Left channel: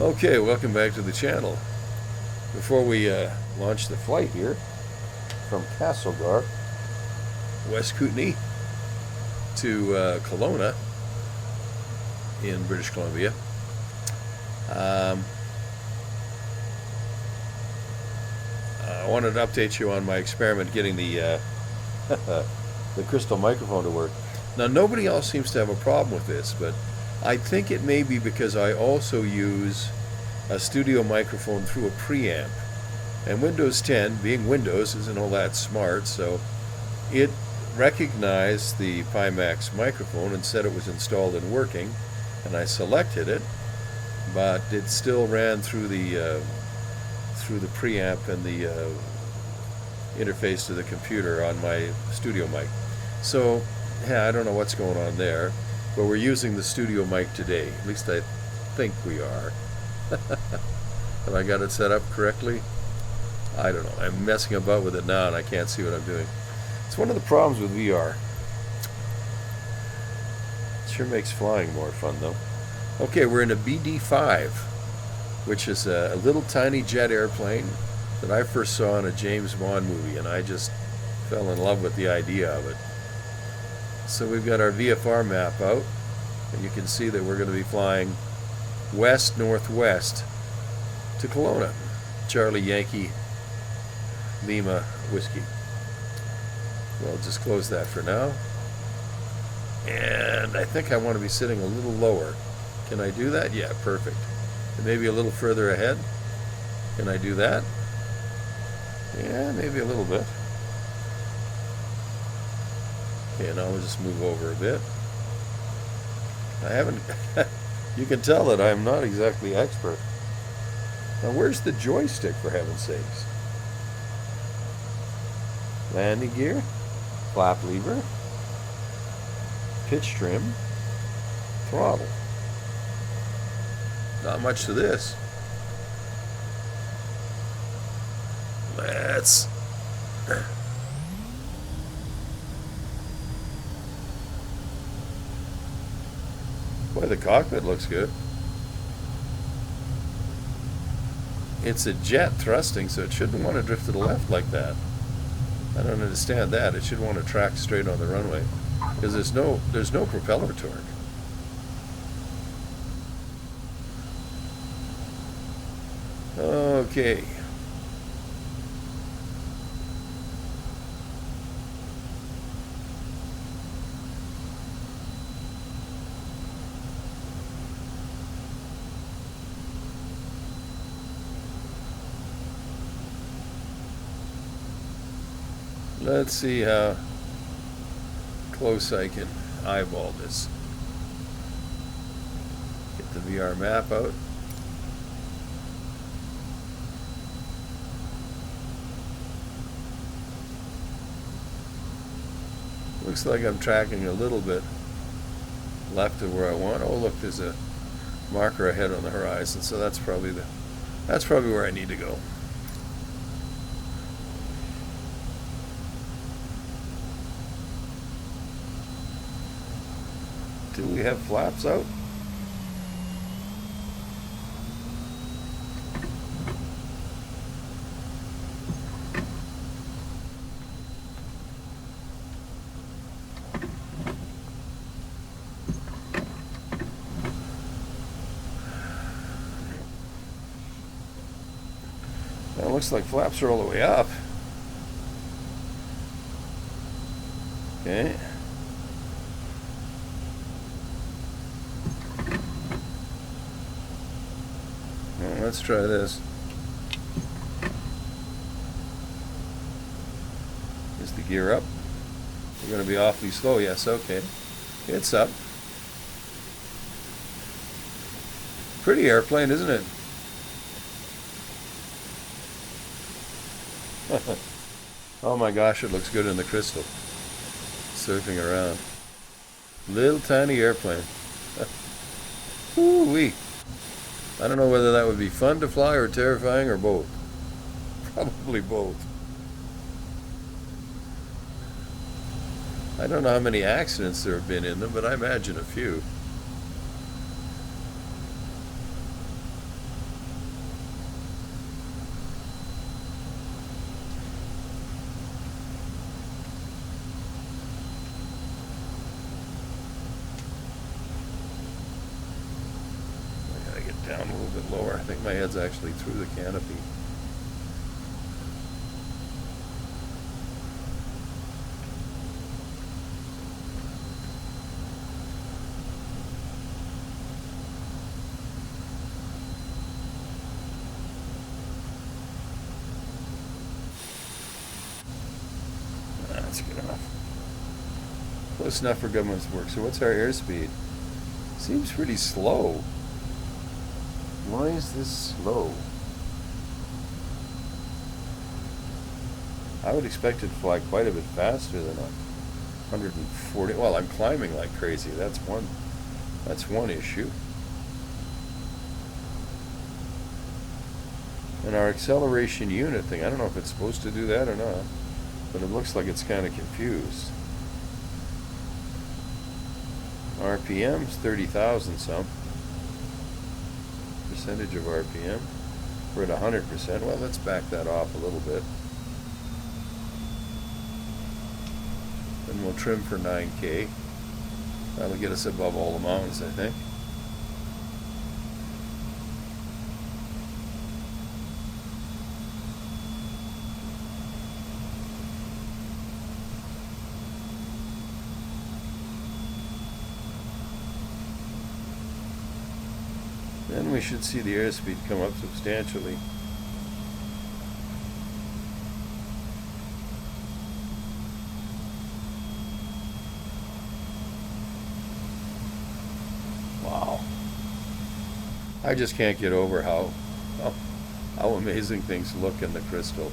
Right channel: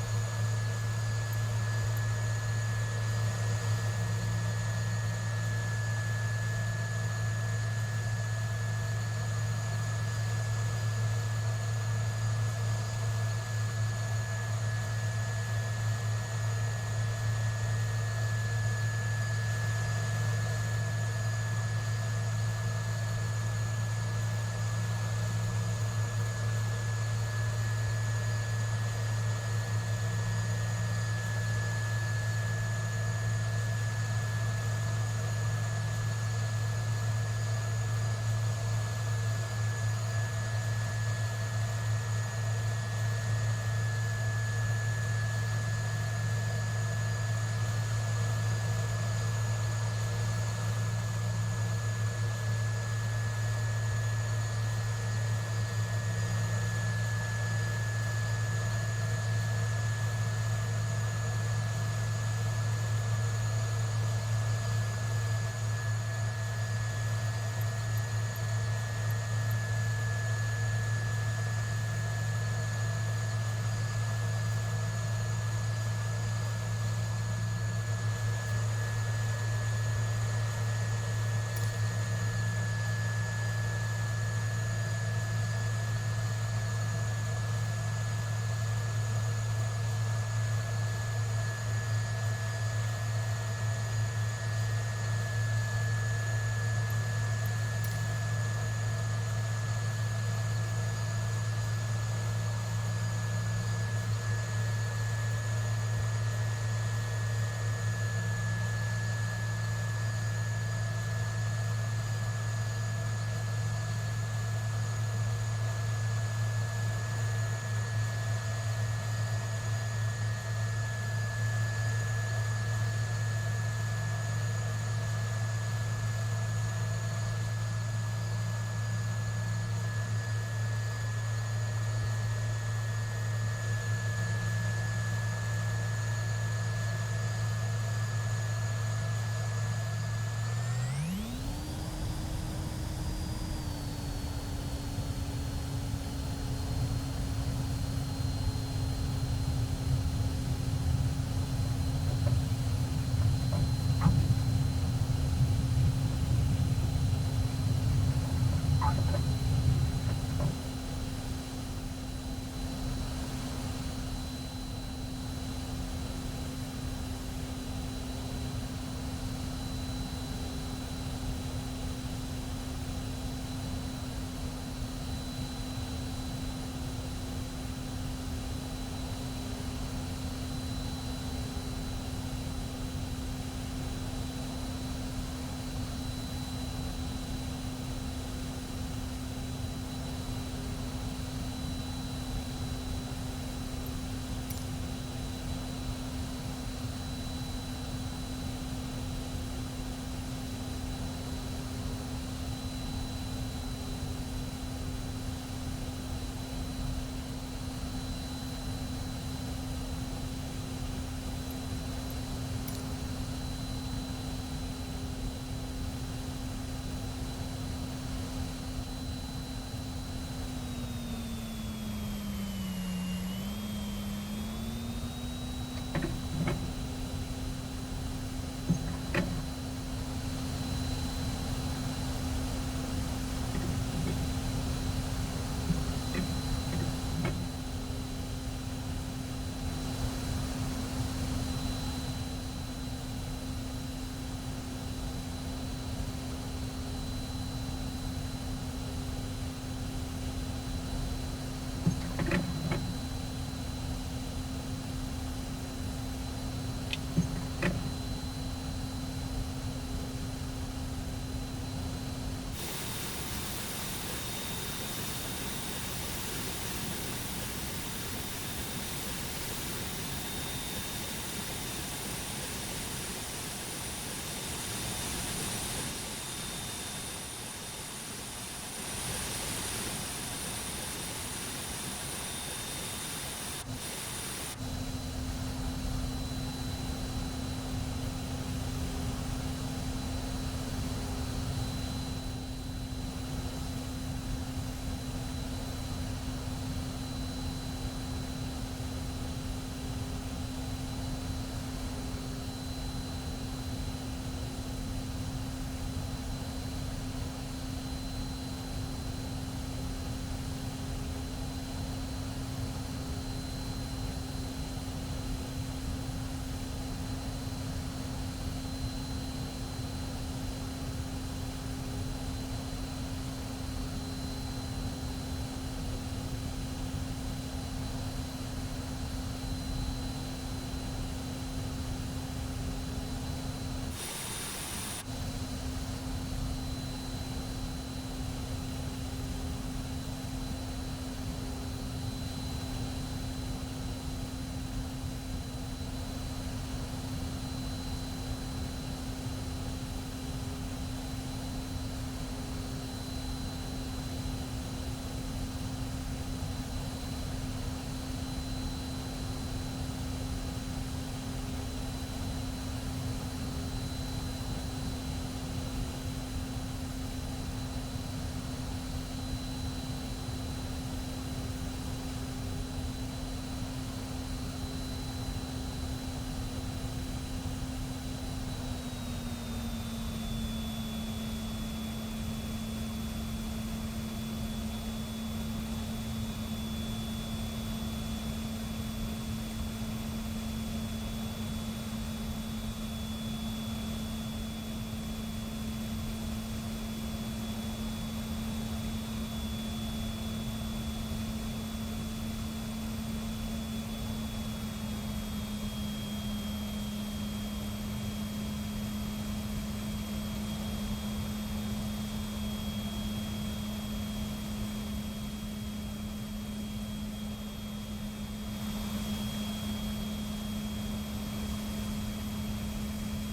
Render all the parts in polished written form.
Okay, welcome back to the channel. Before we launch the flight here from Castlegar, West Kootenay to Kelowna in British Columbia, I wanted to update you on my experiment getting the the crystal microphone to work. Now, nobody else seems to have a problem with this, but I think it may be because I also use a studio microphone through a preamp. And Windows 10, being Windows, isn't all that smart, so it recognized the PImax microphone and said it was installed and working, and I selected it, but it still ran through the preamp and the interface to the computer on my studio mic. So, yeah, I don't know what's going on there, but we're using the studio mic today. At least I think we are. Have I got it set up correctly? I don't know. I'm messing about with it now and I can't see what I'm doing. It's one of the problems with VR. It sure makes flying more fun though. Okay, we're in a BD5, which is a little tiny jet airplane that I first saw in a James Bond movie, and I just fell in love with the idea of it. So we've got our VFR map out, and you can see that we're going to be flying west-northwest to Kelowna. Charlie Yankee Lima Whiskey. So I'll just close that for now. And I think I want to be sitting a little lower. Can I do that? Yeah, perfect. Maybe a little further ahead. Can I do that? Yeah, maybe a little bit. Okay, now we'll just move over a bit. I haven't, you can tell that I'm not exactly expert. Now where's the joystick, for heaven's sakes? Landing gear, flap lever, pitch trim, throttle. Not much to this. Let's boy, the cockpit looks good. It's a jet thrusting, so it shouldn't want to drift to the left like that. I don't understand that. It should want to track straight on the runway because there's no propeller torque. Okay. Let's see how close I can eyeball this. Get the VR map out. Looks like I'm tracking a little bit left of where I want. Oh, look, there's a marker ahead on the horizon, so that's probably where I need to go. Do we have flaps out? Well, it looks like flaps are all the way up. Okay. Let's try this. Is the gear up? We're going to be awfully slow. Yes, okay. It's up. Pretty airplane, isn't it? Oh my gosh, it looks good in the crystal. Surfing around. Little tiny airplane. Ooh-wee. I don't know whether that would be fun to fly or terrifying or both. Probably both. I don't know how many accidents there have been in them, but I imagine a few. lower. I think my head's actually through the canopy. That's good enough. Close enough for government's work. So what's our airspeed? Seems pretty slow. Why is this slow? I would expect it to fly quite a bit faster than 140. Well, I'm climbing like crazy. That's one issue. And our acceleration unit thing, I don't know if it's supposed to do that or not, but it looks like it's kind of confused. RPM's 30,000 some. Percentage of RPM. We're at 100%. Well, let's back that off a little bit. And we'll trim for 9K. That'll get us above all the mountains, I think. Then we should see the airspeed come up substantially. Wow. I just can't get over how amazing things look in the crystal.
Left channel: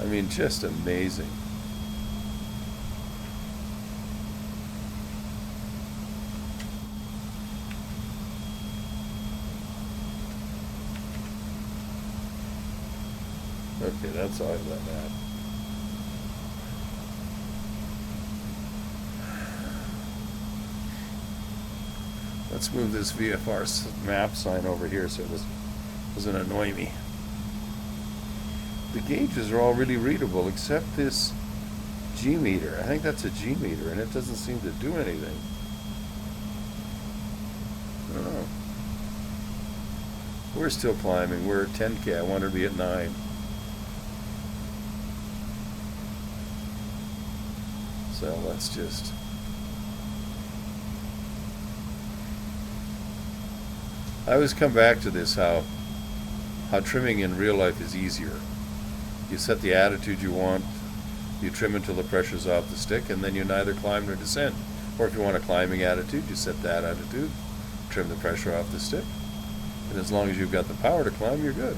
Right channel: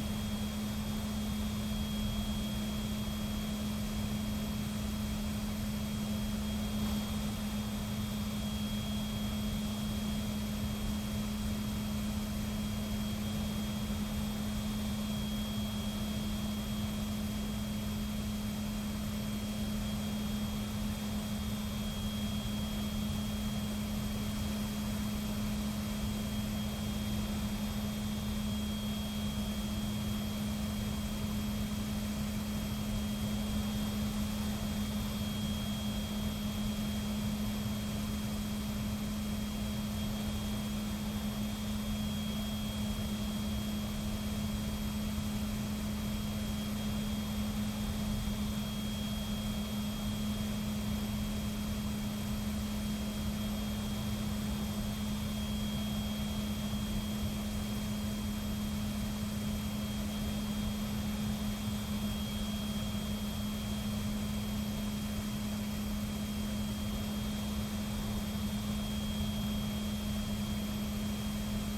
I mean, just amazing. Okay, that's all I've done now. Let's move this VFR map sign over here so it doesn't annoy me. The gauges are all really readable except this G meter. I think that's a G meter and it doesn't seem to do anything. I don't know. We're still climbing. We're at 10K. I want to be at 9. So let's just I always come back to this, how trimming in real life is easier. You set the attitude you want, you trim until the pressure's off the stick, and then you neither climb nor descend. Or if you want a climbing attitude, you set that attitude, trim the pressure off the stick, and as long as you've got the power to climb, you're good.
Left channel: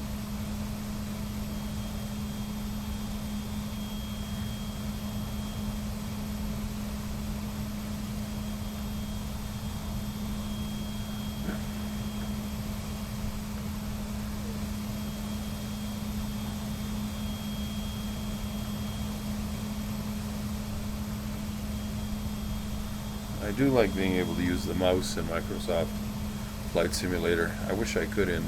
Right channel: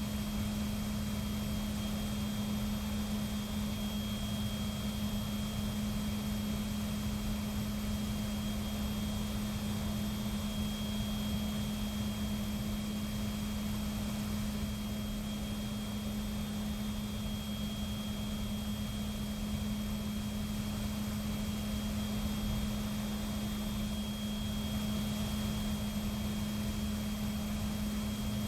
I do like being able to use the mouse in Microsoft Flight Simulator. I wish I could in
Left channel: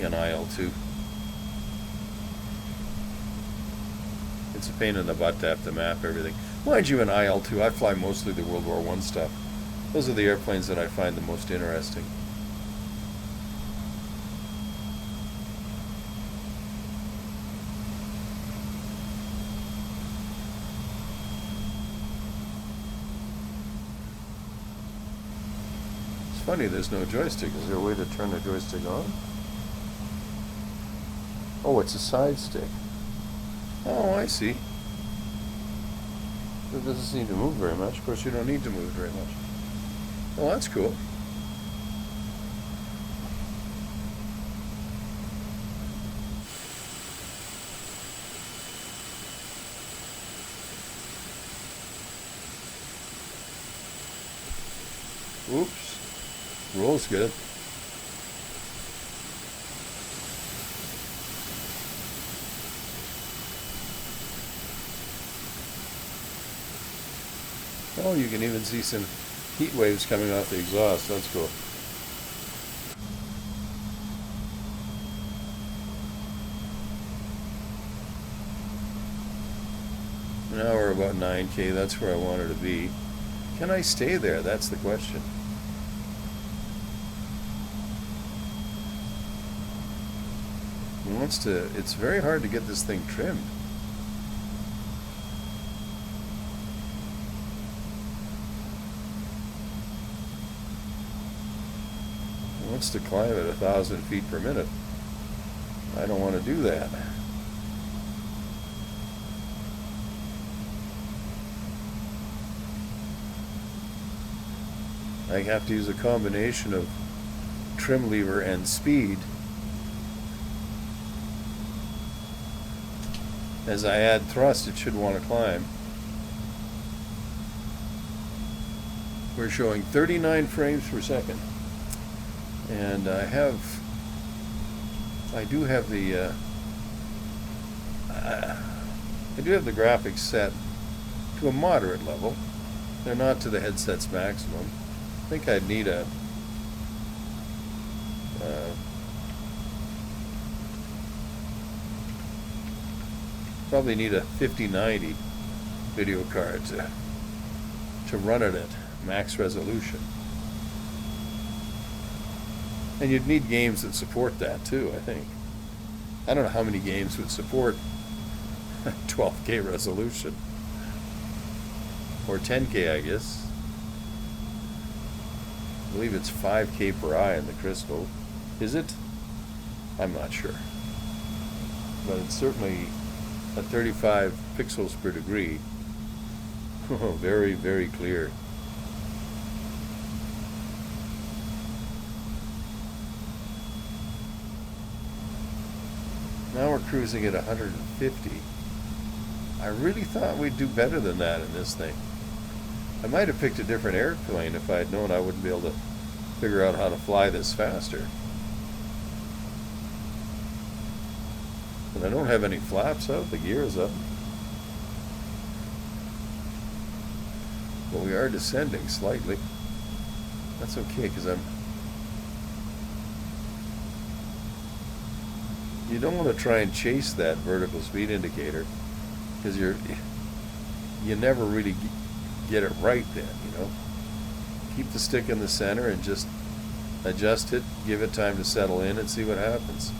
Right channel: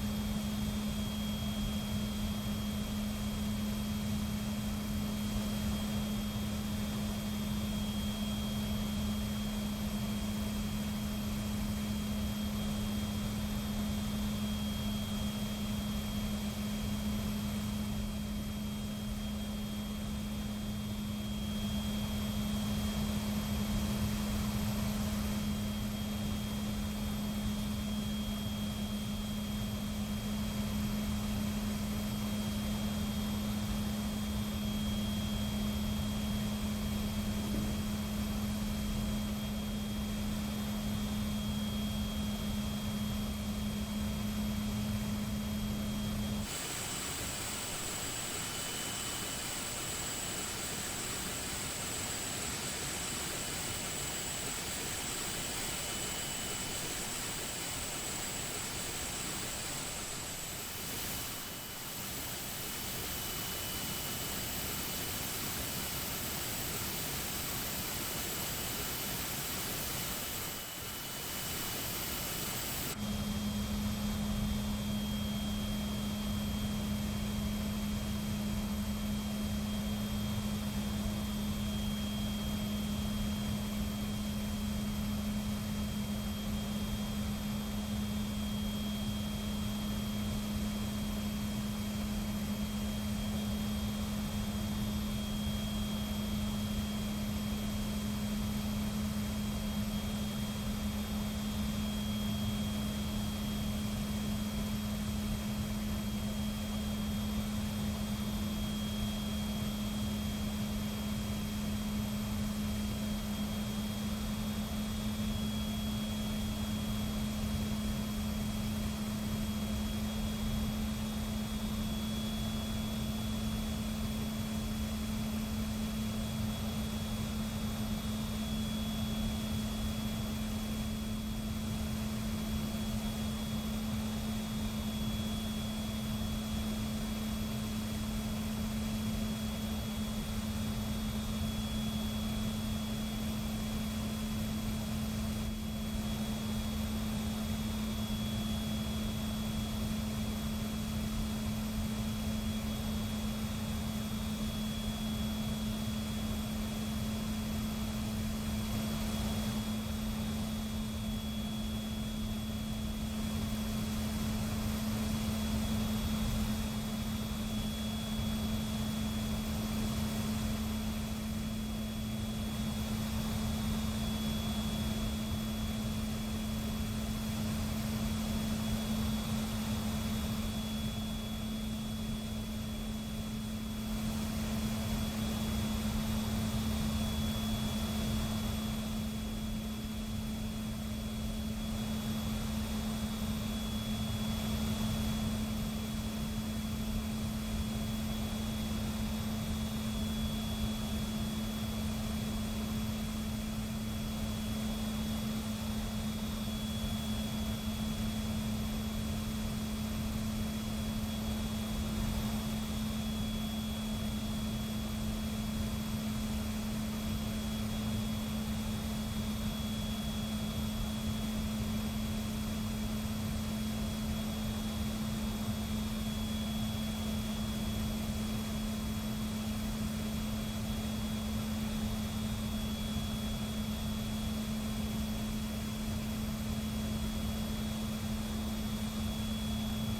IL2. It's a pain in the butt to have to map everything. Mind you, in IL2, I fly mostly the World War I stuff. Those are the airplanes that I find the most interesting. Funny, there's no joystick. Is there a way to turn the joystick on? Oh, it's a side stick. Oh, I see. It doesn't seem to move very much. Of course, you don't need to move very much. Well, that's cool. Oops. Roll's good. Oh, you can even see some heat waves coming off the exhaust. That's cool. Now we're about 9K. That's where I wanted to be. Can I stay there? That's the question. It's very hard to get this thing trimmed. It wants to climb at 1,000 feet per minute. I don't want to do that. I have to use a combination of trim lever and speed. As I add thrust, it should want to climb. We're showing 39 frames per second. And I do have the graphics set to a moderate level. They're not to the headset's maximum. I think I'd need probably need a 5090 video card to run it at max resolution. And you'd need games that support that too, I think. I don't know how many games would support 12K resolution. Or 10K, I guess. I believe it's 5K per eye in the Crystal. Is it? I'm not sure. But it's certainly at 35 pixels per degree. Very, very clear. Now we're cruising at 150. I really thought we'd do better than that in this thing. I might have picked a different airplane if I had known I wouldn't be able to figure out how to fly this faster. But I don't have any flaps out, the gear is up. But we are descending slightly. That's okay, because you don't want to try and chase that vertical speed indicator, because you never really get it right then, you know. Keep the stick in the center and just adjust it, give it time to settle in and see what happens.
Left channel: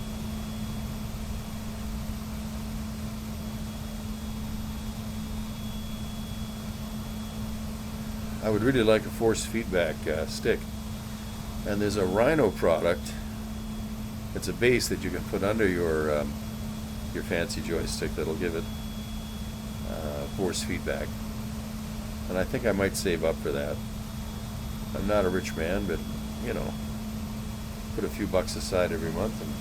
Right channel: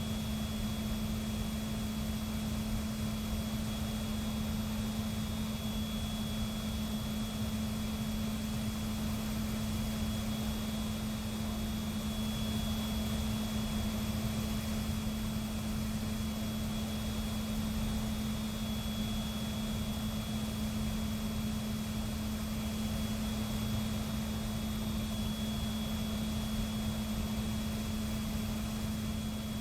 I would really like a force feedback stick. And there's a Rhino product. It's a base that you can put under your fancy joystick that'll give it force feedback. And I think I might save up for that. I'm not a rich man, but, you know, put a few bucks aside every month and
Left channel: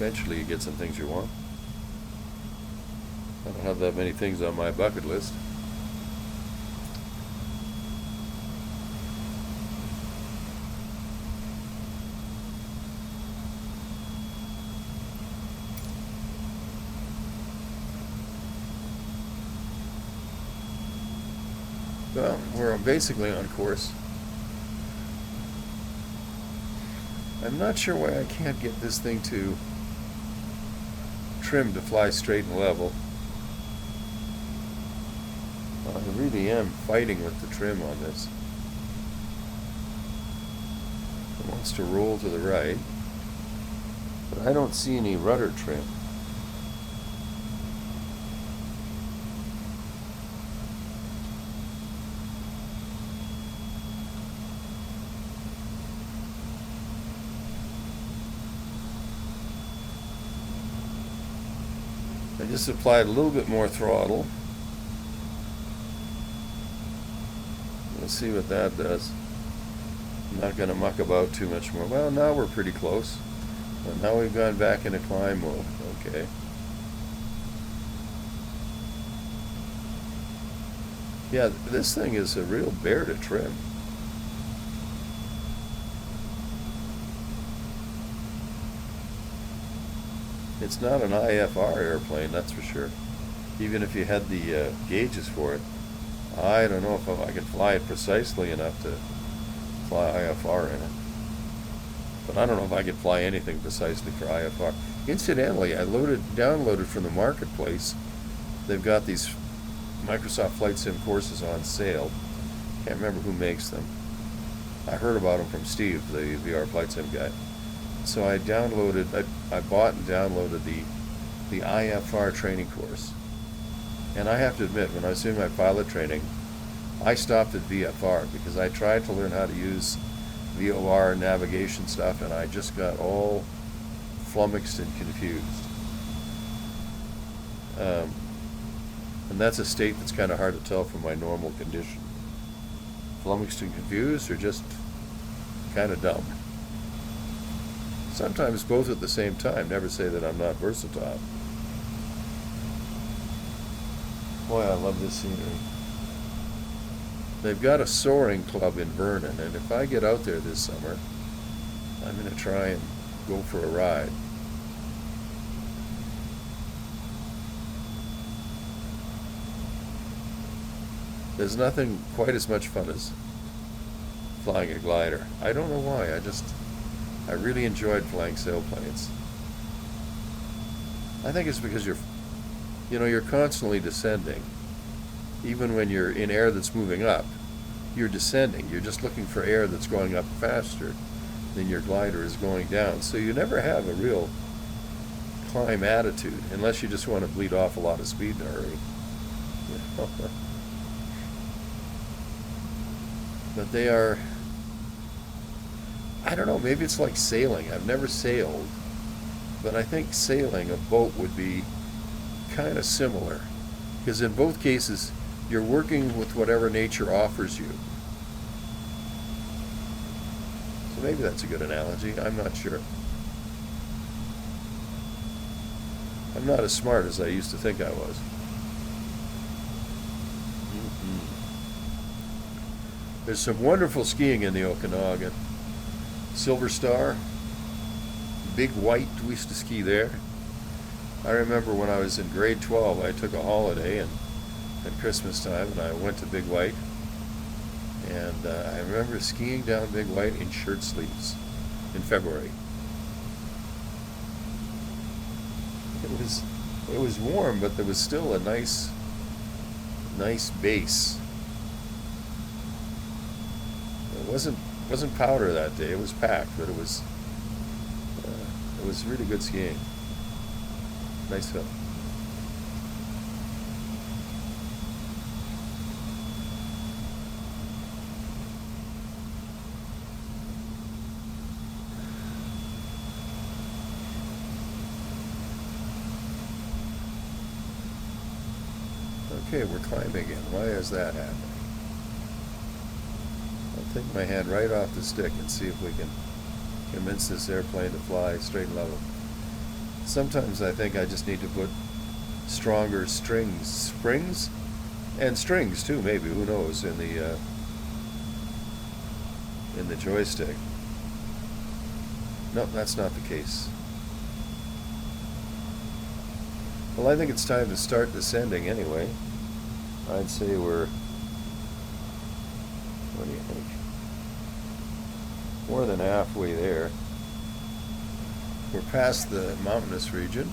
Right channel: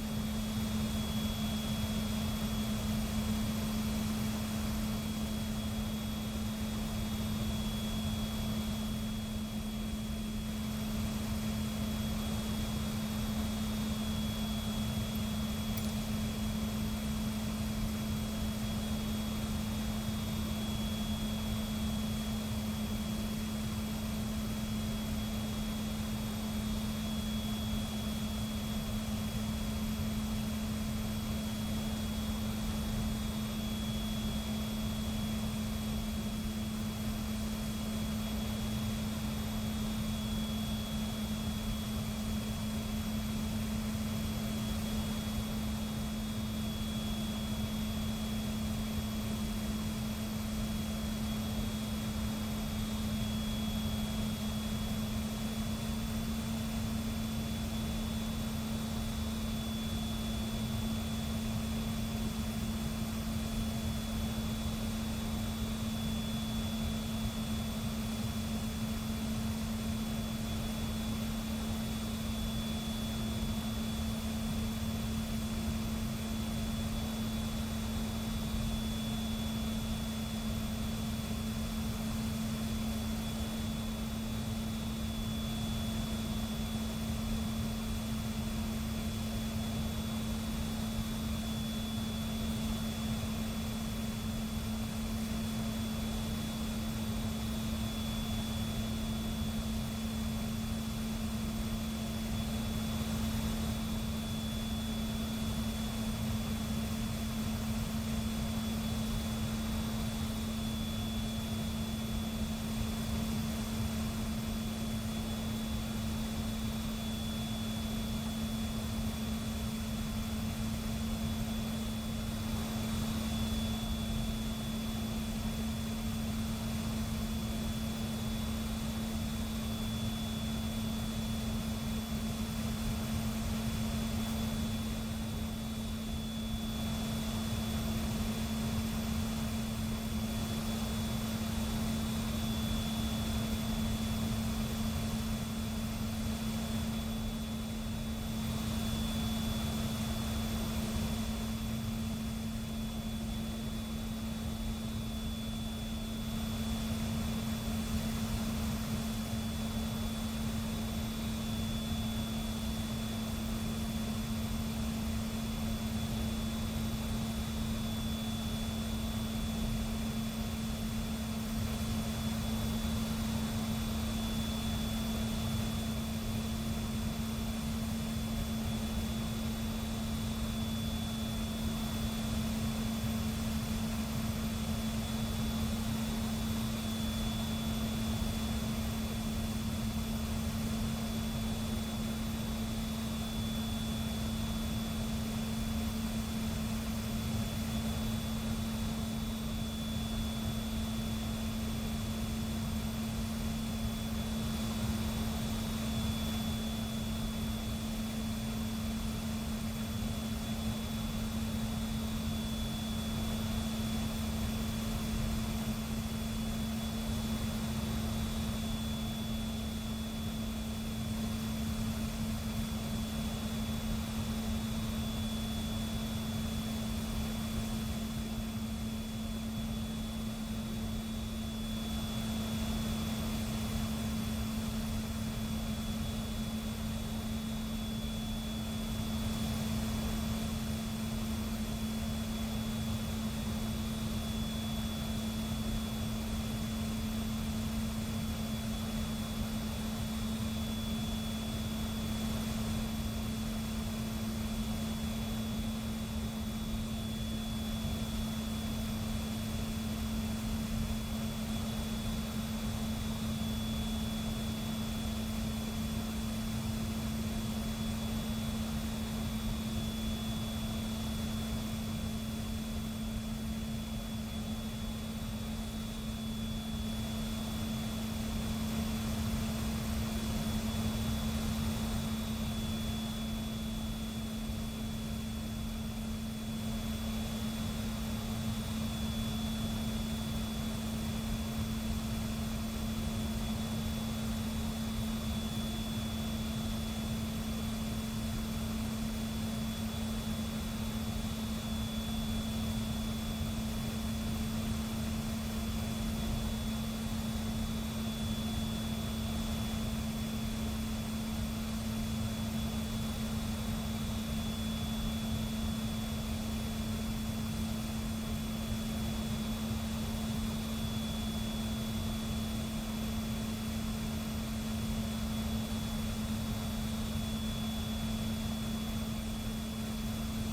eventually you get some things you want. I don't have that many things on my bucket list. Well, we're basically on course. I'm not sure why I can't get this thing to trim to fly straight and level. I really am fighting with the trim on this. It wants to roll to the right, but I don't see any rudder trim. I just applied a little bit more throttle. Let's see what that does. I'm not going to muck about too much more. Well, now we're pretty close. And now we've gone back into climb mode. Okay. Yeah, this thing is a real bear to trim. It's not an IFR airplane, that's for sure. Even if you had the gauges for it, I don't know if I could fly it precisely enough to fly IFR in it. But I don't know if I could fly anything precisely for IFR. Incidentally, I downloaded from the marketplace. They've got these Microsoft Flight Sim courses on sale. Can't remember who makes them. I heard about them from Steve, the VR Flight Sim guy. So I bought and downloaded the IFR training course. And I have to admit, when I was doing my pilot training, I stopped at VFR because I tried to learn how to use VOR navigation stuff, and I just got all flummoxed and confused. And that's a state that's kind of hard to tell from my normal condition. Flummoxed and confused, or just kind of dumb. Sometimes both at the same time. Never say that I'm not versatile. Boy, I love this scenery. They've got a soaring club in Vernon, and if I get out there this summer, I'm going to try and go for a ride. There's nothing quite as much fun as flying a glider. I don't know why. I really enjoyed flying sailplanes. I think it's because you're constantly descending. Even when you're in air that's moving up, you're descending. You're just looking for air that's going up faster than your glider is going down. So you never have a real climb attitude, unless you just want to bleed off a lot of speed in a hurry. But they are, I don't know, maybe it's like sailing. I've never sailed, but I think sailing a boat would be kind of similar, because in both cases you're working with whatever nature offers you. So maybe that's a good analogy. I'm not sure. I'm not as smart as I used to think I was. There's some wonderful skiing in the Okanagan. Silver Star, Big White, we used to ski there. I remember when I was in grade 12, I took a holiday at Christmas time, and I went to Big White. And I remember skiing down Big White in shirt sleeves in February. It was warm, but there was still a nice base. It wasn't powder that day. It was packed, but it was really good skiing. Nice film. Okay, we're climbing again. Why is that happening? I'll take my hand right off the stick and see if we can convince this airplane to fly straight and level. Sometimes I think I just need to put stronger springs and strings too, maybe, who knows, in the joystick. No, that's not the case. Well, I think it's time to start descending anyway. I'd say we're, what do you think? More than halfway there. We're past the mountainous region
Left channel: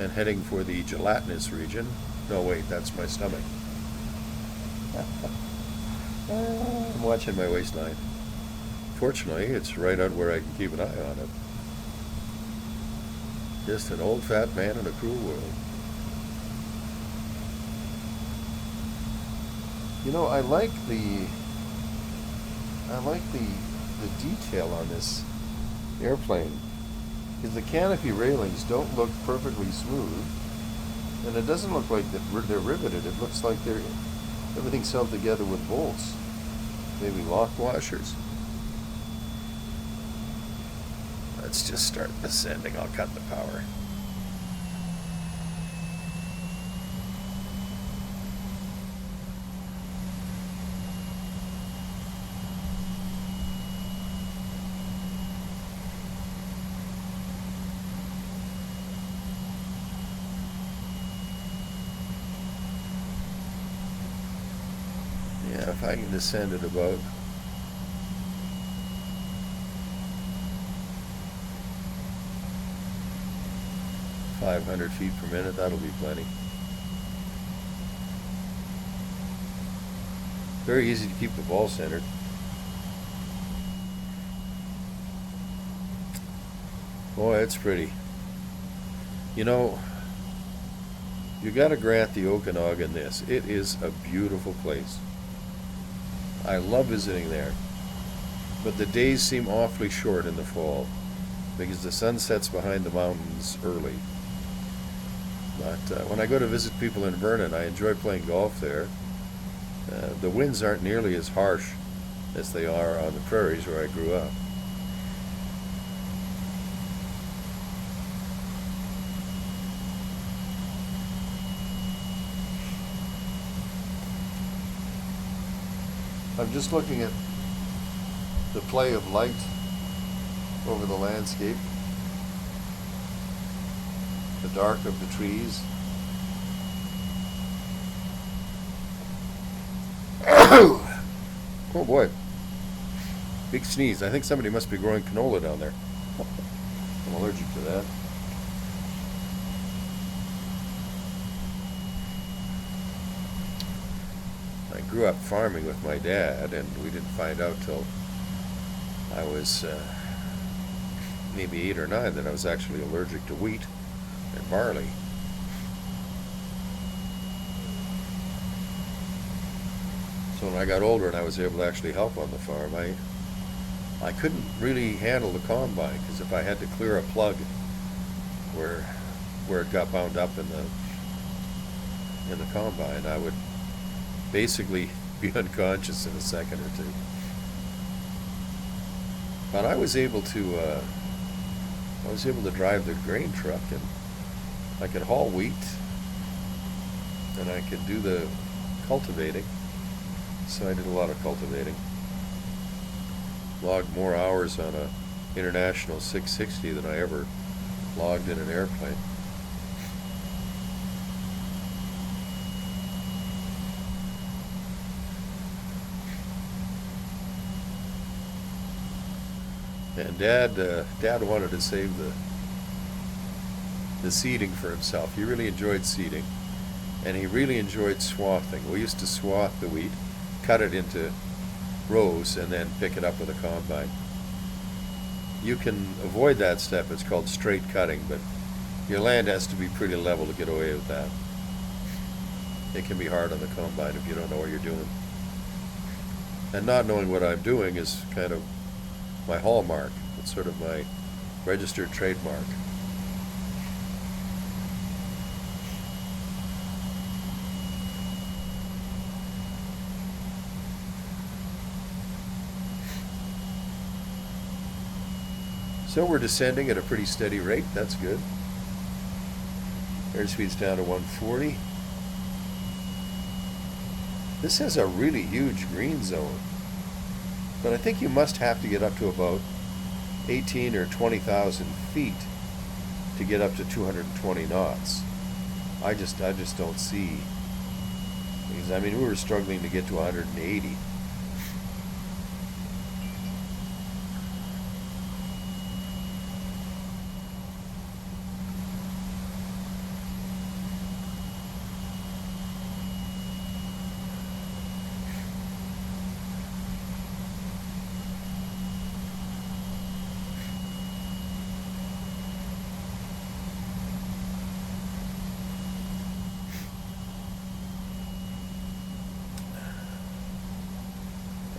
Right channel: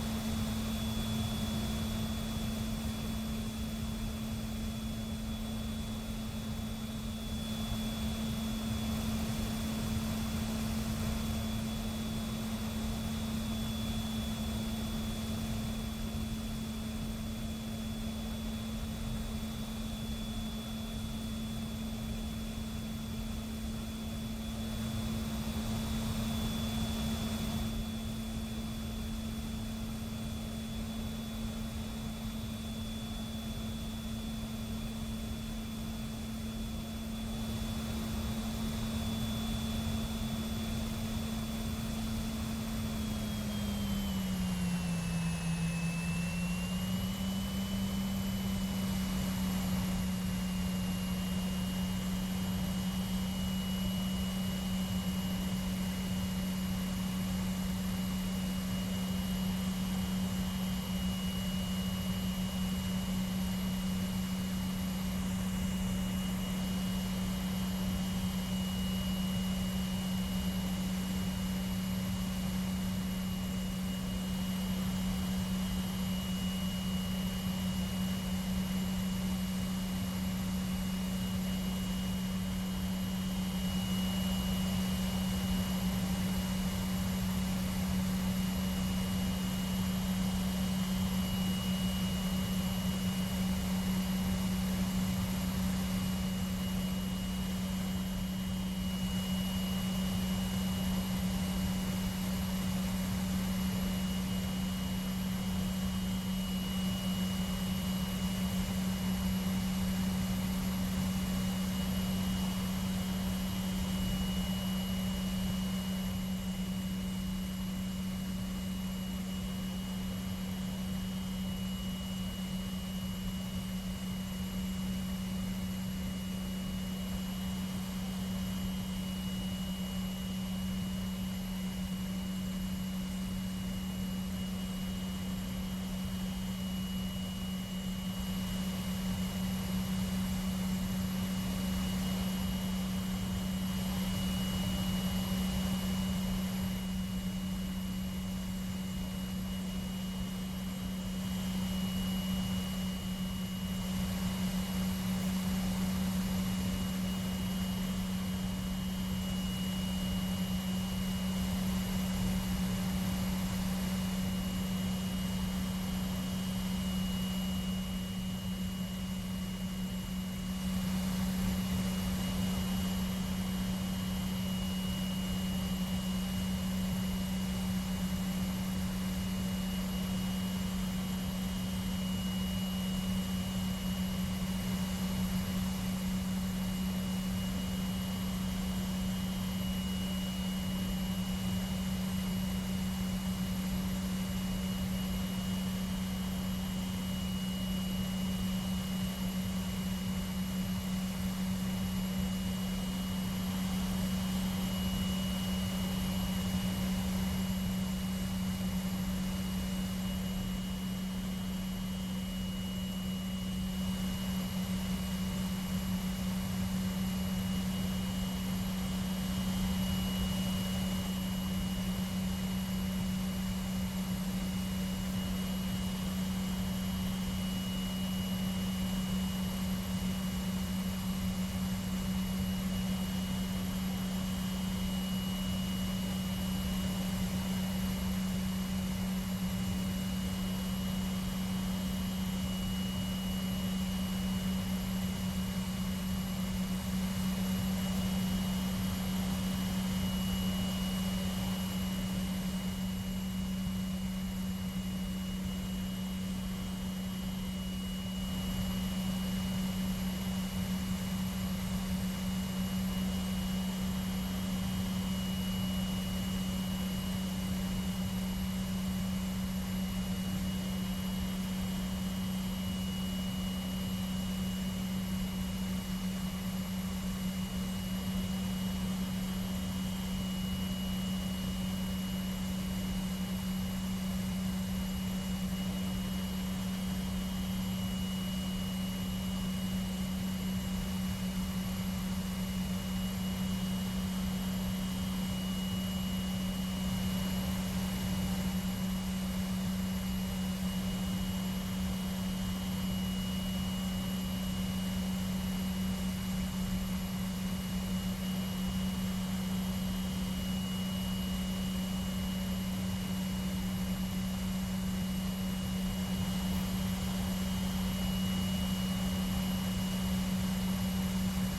and heading for the gelatinous region. No, wait, that's my stomach. I'm watching my waistline. Fortunately, it's right out where I can keep an eye on it. Just an old fat man in a cruel world. You know, I like the detail on this airplane, because the canopy railings don't look perfectly smooth, and it doesn't look like they're riveted. It looks like everything's held together with bolts, maybe lock washers. Let's just start descending. I'll cut the power. Yeah, if I can descend at about 500 feet per minute, that'll be plenty. Very easy to keep the ball centered. Boy, it's pretty. You know, you got to grant the Okanagan this. It is a beautiful place. I love visiting there. But the days seem awfully short in the fall because the sun sets behind the mountains early. But when I go to visit people in Vernon, I enjoy playing golf there. The winds aren't nearly as harsh as they are on the prairies where I grew up. I'm just looking at the play of light over the landscape, the dark of the trees. Oh boy, big sneeze. I think somebody must be growing canola down there. I'm allergic to that. I grew up farming with my dad, and we didn't find out till I was maybe 8 or 9 that I was actually allergic to wheat and barley. So when I got older and I was able to actually help on the farm, I couldn't really handle the combine, because if I had to clear a plug where it got bound up in the combine, I would basically be unconscious in a second or two. But I was able to drive the grain truck, and I could haul wheat, and I could do the cultivating. So I did a lot of cultivating. Logged more hours on an International 660 than I ever logged in an airplane. And Dad wanted to save the seeding for himself. He really enjoyed seeding, and he really enjoyed swathing. We used to swath the wheat, cut it into rows, and then pick it up with a combine. You can avoid that step. It's called straight cutting, but your land has to be pretty level to get away with that. It can be hard on the combine if you don't know what you're doing. And not knowing what I'm doing is kind of my hallmark. It's sort of my registered trademark. So we're descending at a pretty steady rate. That's good. Airspeed's down to 140. This has a really huge green zone, but I think you must have to get up to about 18 or 20,000 feet to get up to 220 knots. I just don't see. Because, I mean, we were struggling to get to 180.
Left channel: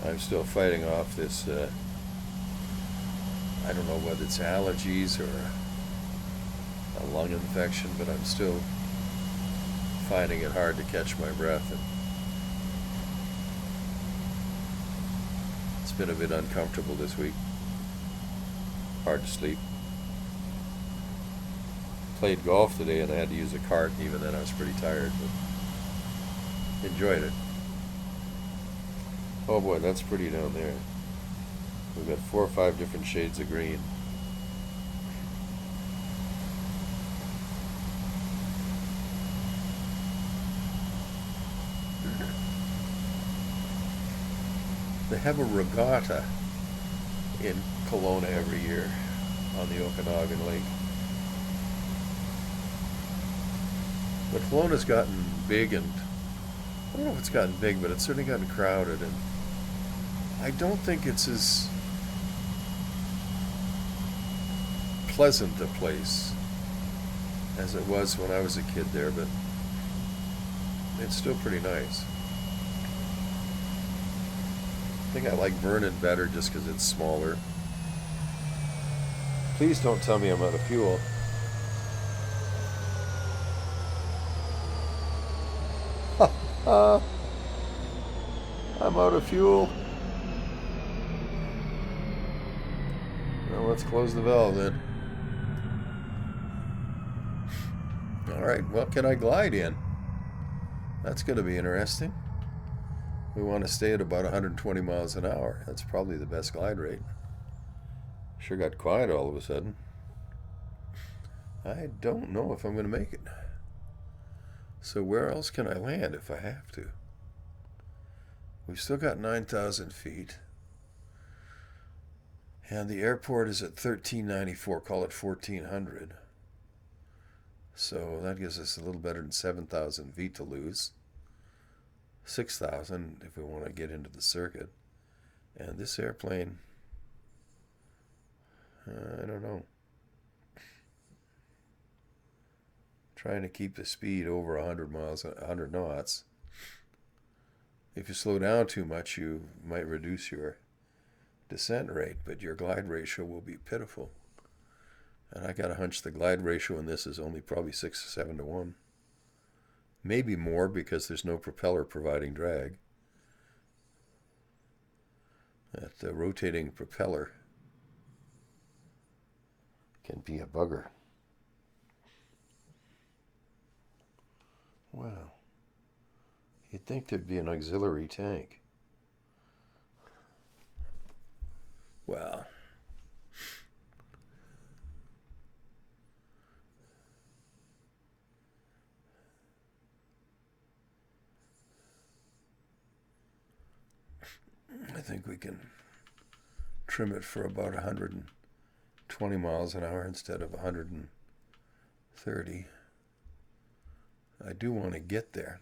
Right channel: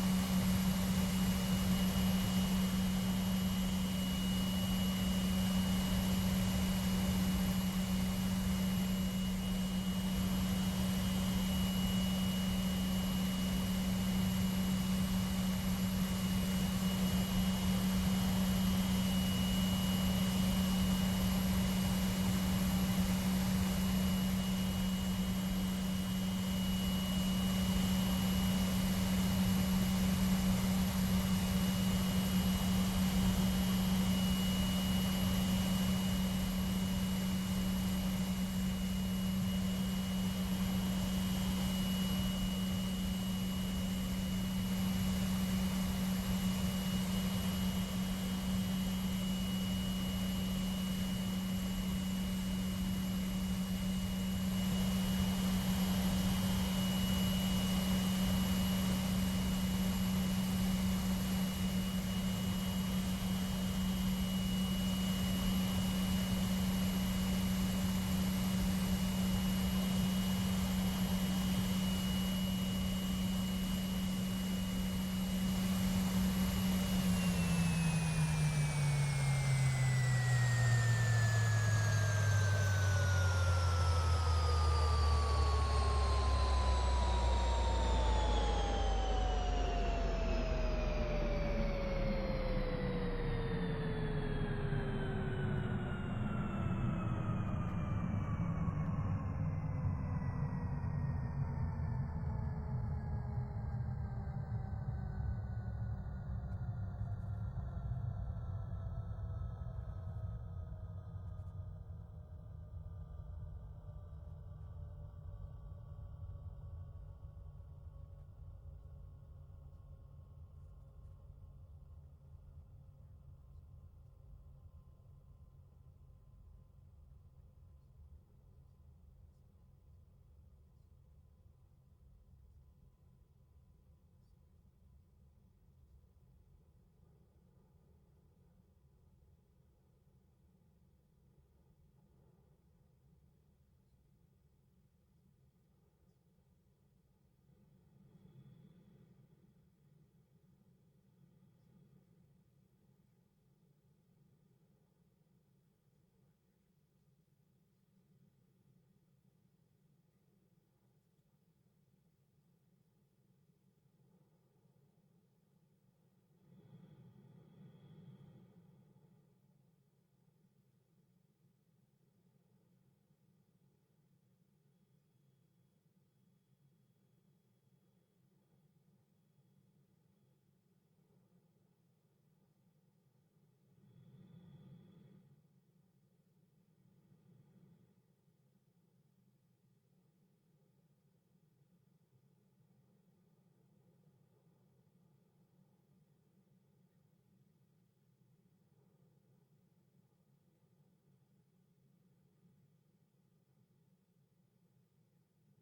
I'm still fighting off this, I don't know whether it's allergies or a lung infection, but I'm still finding it hard to catch my breath. And it's been a bit uncomfortable this week. Hard to sleep. Played golf today and I had to use a cart, and even then I was pretty tired, but enjoyed it. Oh boy, that's pretty down there. We've got 4 or 5 different shades of green. They have a regatta in Kelowna every year on the Okanagan Lake. But Kelowna's gotten big, and I don't know if it's gotten big, but it's certainly gotten crowded, and I don't think it's as pleasant a place as it was when I was a kid there, but it's still pretty nice. I think I like Vernon better just because it's smaller. Please don't tell me I'm out of fuel. I'm out of fuel. Well, let's close the valve then. Alright, what can I glide in? That's going to be interesting. We want to stay at about 120 miles an hour. That's probably the best glide rate. Sure got quiet all of a sudden. I don't know if I'm going to make it. So where else can I land if I have to? We've still got 9,000 feet. And the airport is at 1394, call it 1400. So that gives us a little better than 7,000 feet to lose. 6,000 if we want to get into the circuit. And this airplane, I don't know. Trying to keep the speed over 100 knots. If you slow down too much, you might reduce your descent rate, but your glide ratio will be pitiful. And I got a hunch the glide ratio in this is only probably 6 or 7 to 1. Maybe more because there's no propeller providing drag. That rotating propeller can be a bugger. Wow. You'd think there'd be an auxiliary tank. Well, I think we can trim it for about 120 miles an hour instead of 130. I do want to get there.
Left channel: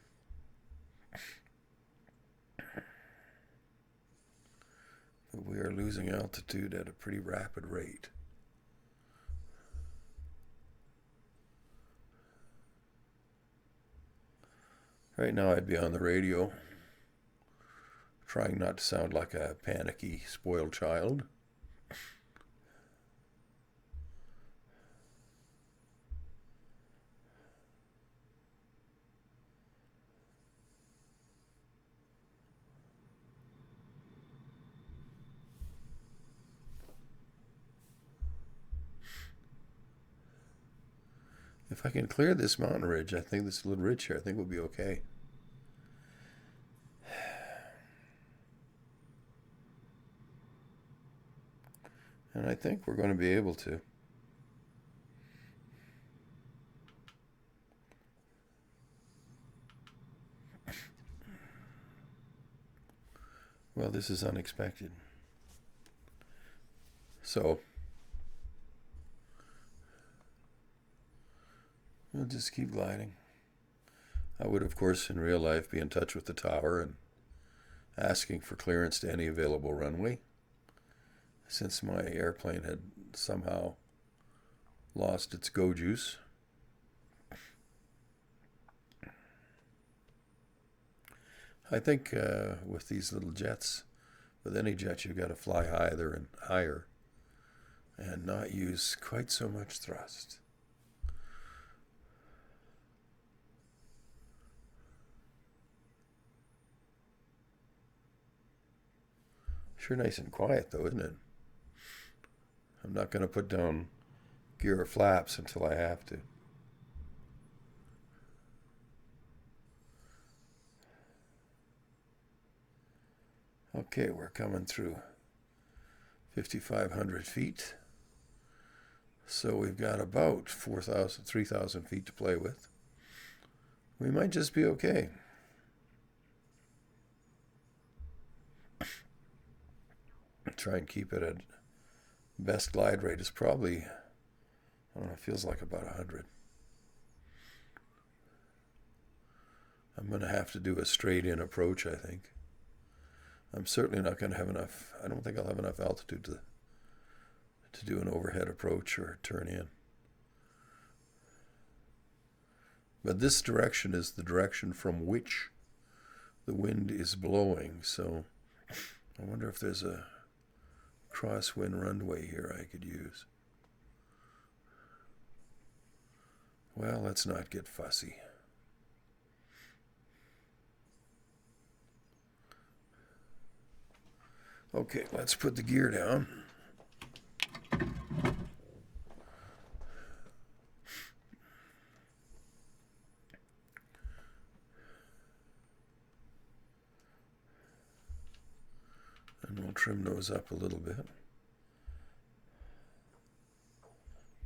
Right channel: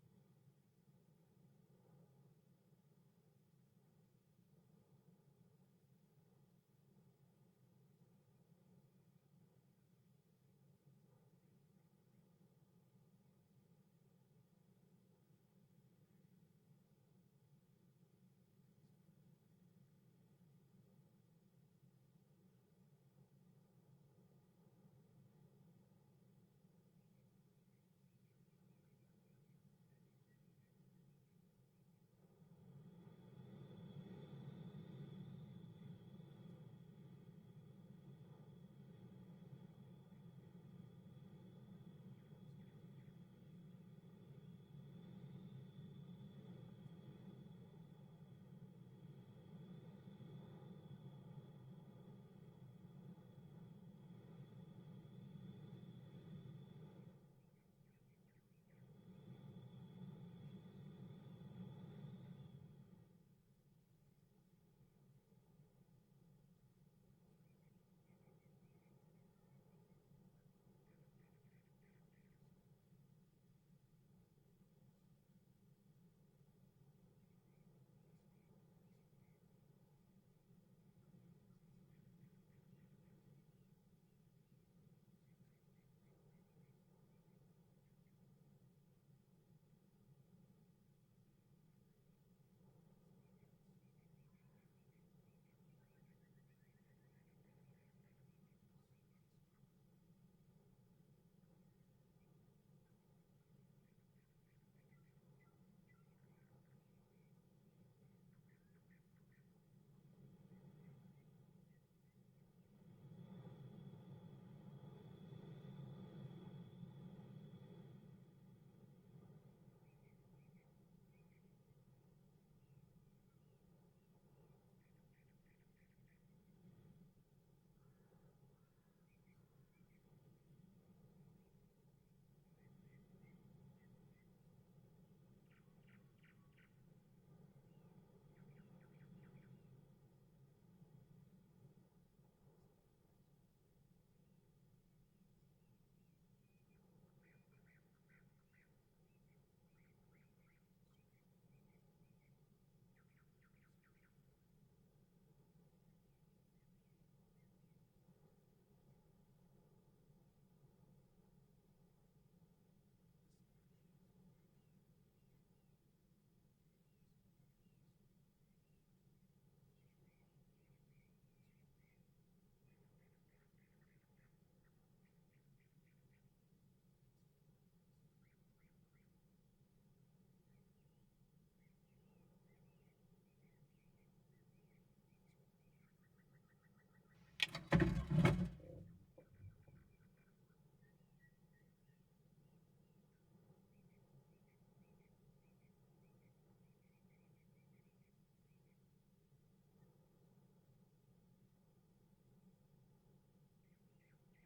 But we are losing altitude at a pretty rapid rate. Right now I'd be on the radio, trying not to sound like a panicky, spoiled child. If I can clear this mountain ridge, I think this little ridge here, I think we'll be okay. And I think we're going to be able to. Well, this is unexpected. So, we'll just keep gliding. I would, of course, in real life be in touch with the tower and asking for clearance to any available runway, since my airplane had somehow lost its go juice. I think with these little jets, with any jet, you've got to fly higher and higher and not use quite so much thrust. Sure nice and quiet though, isn't it? I'm not going to put down gear or flaps until I have to. Okay, we're coming through 5,500 feet. So we've got about 3,000 feet to play with. We might just be okay. Try and keep it at best glide rate is probably, I don't know, it feels like about 100. I'm going to have to do a straight in approach, I think. I'm certainly not going to have enough, I don't think I'll have enough altitude to to do an overhead approach or turn in. But this direction is the direction from which the wind is blowing, so I wonder if there's a crosswind runway here I could use. Well, let's not get fussy. Okay, let's put the gear down. And we'll trim those up a little bit.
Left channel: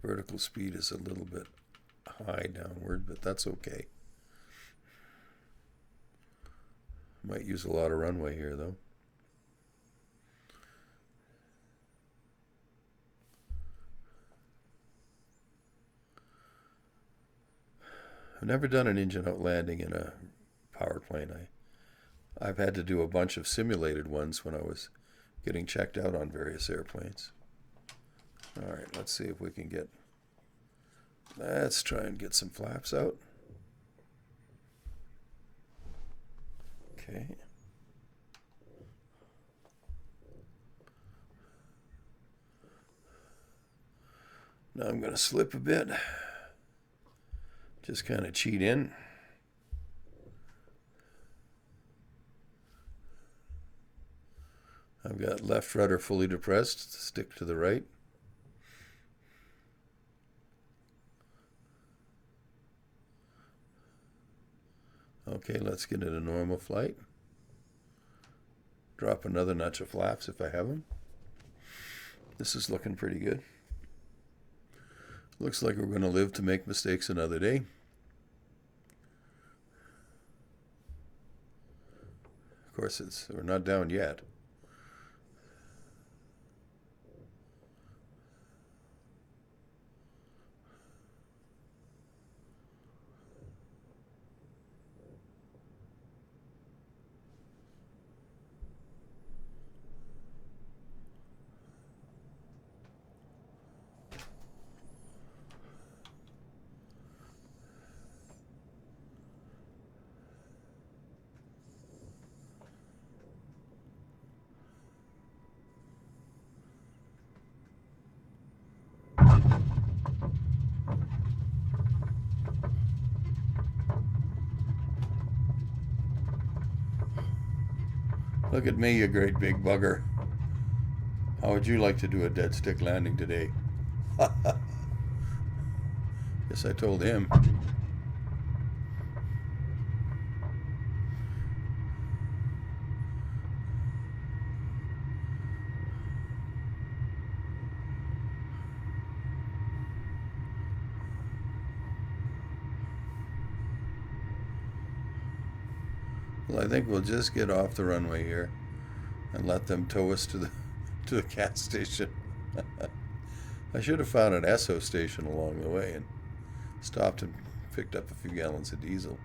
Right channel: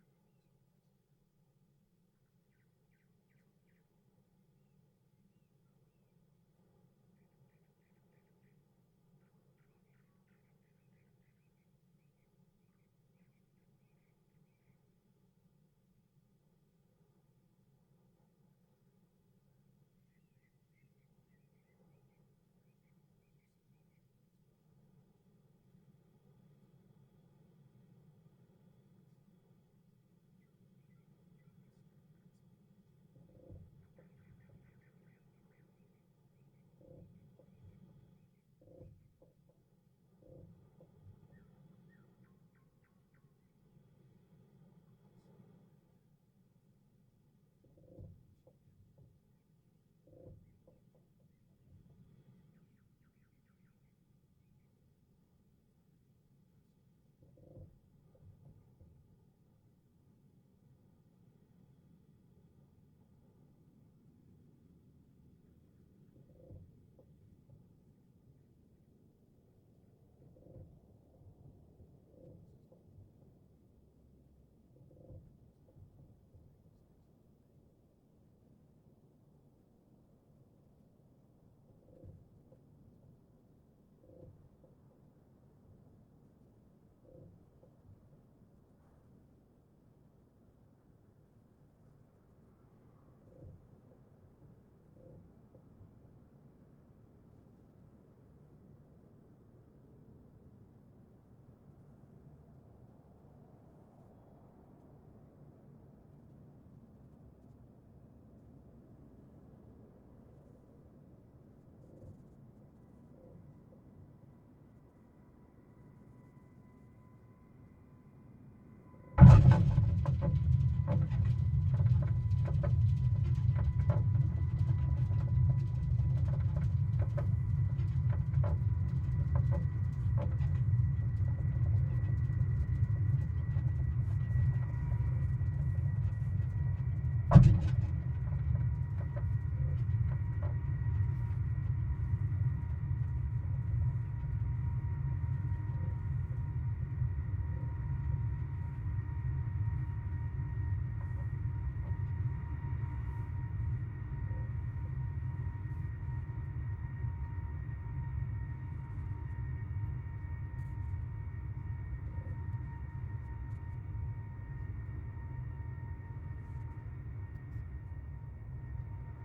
Vertical speed is a little bit high downward, but that's okay. Might use a lot of runway here, though. I've never done an engine out landing in a power plane. I've had to do a bunch of simulated ones when I was getting checked out on various airplanes. All right, let's see if we can get, let's try and get some flaps out. Okay. Now I'm going to slip a bit. Just kind of cheat in. I've got left rudder fully depressed, stick to the right. Okay, let's get into normal flight. Drop another notch of flaps if I have them. This is looking pretty good. Looks like we're going to live to make mistakes another day. Of course, we're not down yet. Look at me, you great big bugger. How would you like to do a dead stick landing today? Yes, I told him. Well, I think we'll just get off the runway here and let them tow us to the gas station. I should have found an Esso station along the way and stopped and picked up a few gallons of diesel.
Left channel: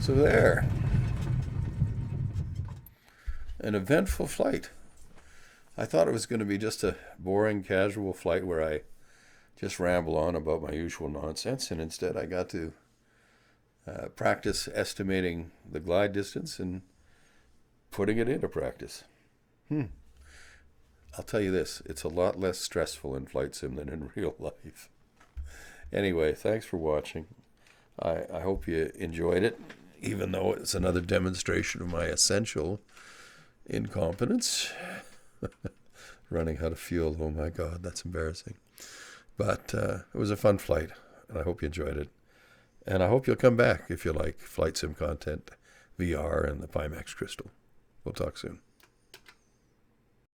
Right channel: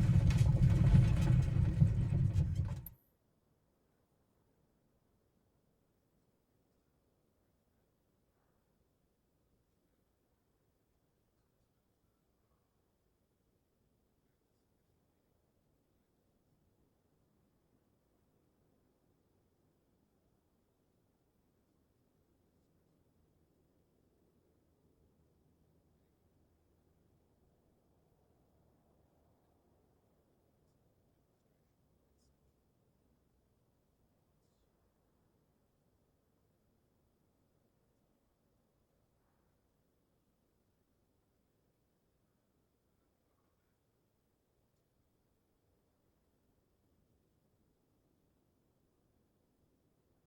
So there. An eventful flight. I thought it was going to be just a boring, casual flight where I just ramble on about my usual nonsense, and instead I got to practice estimating the glide distance and putting it into practice. I'll tell you this, it's a lot less stressful in flight sim than in real life. Anyway, thanks for watching. I hope you enjoyed it, even though it's another demonstration of my essential incompetence. Running out of fuel, oh my God, that's embarrassing. But it was a fun flight, and I hope you enjoyed it. And I hope you'll come back if you like flight sim content, VR, and the PImax Crystal. We'll talk soon.